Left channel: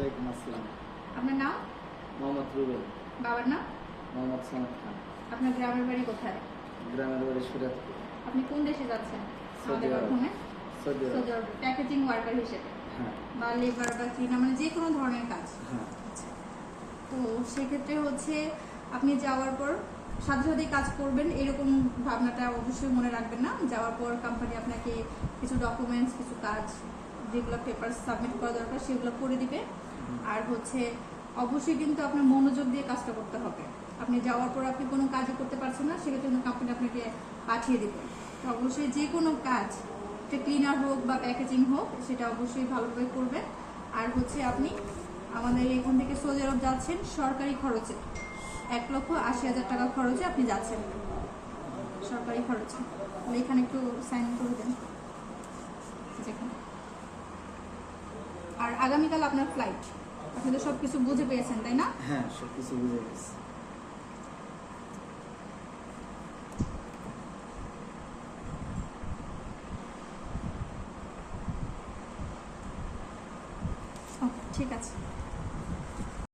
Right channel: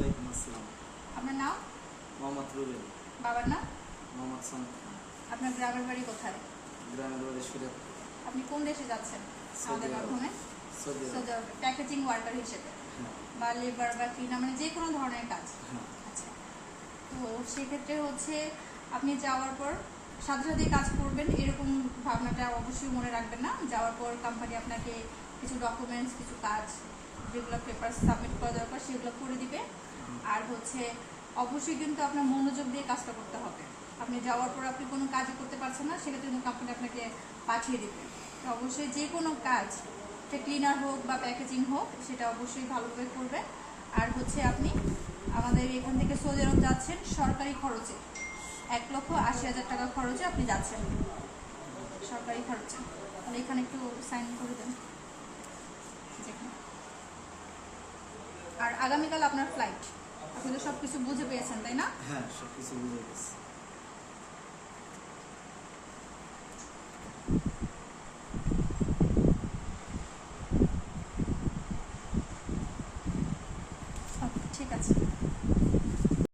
ওয়ালাইকুম আসসালাম। আপনার নাম? মোহাম্মদ রুবেল। বাবার নাম? মোহাম্মদ সামাদ খান। আপনার গ্রামের বাড়ি কোথায়? গ্রামের বাড়ি সুরাতপুর। আপনি কোন দেশে যাচ্ছেন? সৌদি আরব। প্যাকেজিং ওয়ার্কার হিসেবে। হ্যাঁ। বা লেবার বা ক্লিনার মানে যে কোনো ধরনের কাজ। হ্যাঁ। আচ্ছা। তো সেক্ষেত্রে হচ্ছে আপনি যাওয়ার পর সাথে সাথে কাজ করবেন এরকম ভাবনাটা অবশ্যই মনে রাখবেন না। যাওয়ার পর কোম্পানি আপনাকে কিছু ডকুমেন্টস কিছু কাজ যেগুলো পেপার সাবমিট করা দরকার, সেগুলো করে দিবে। আর হচ্ছে, অবশ্যই কিন্তু আপনার মনোযোগ দিয়ে কাজটা করতে হবে। আপনি যাওয়ার পর আপনি কোনো কাজও করতে পারছেন না, সেক্ষেত্রে কিন্তু কোম্পানি আপনাকে পাঠিয়ে দিবে। তো অবশ্যই যে কোনো কাজ, সে ক্লিনার হোক বা প্যাকেজিং হোক, সেটা অবশ্যই ভালোভাবে করবেন আর হচ্ছে আপনি আমাদের এখান থেকে সৌদি আরব যাচ্ছেন, সরকারি খরচে এক লক্ষ আশি হাজার টাকা খরচে আপনি যাচ্ছেন। সরকারি খরচে। তাহলে এখানে একটু সাইন করে দেন। আর আগামীকাল আপনার ফ্লাইট আপনি তো সব কিছু বুঝে পেয়েছেন তাই না? হ্যাঁ সব কিছু বুঝে গেছি ওকে ঠিক আছে।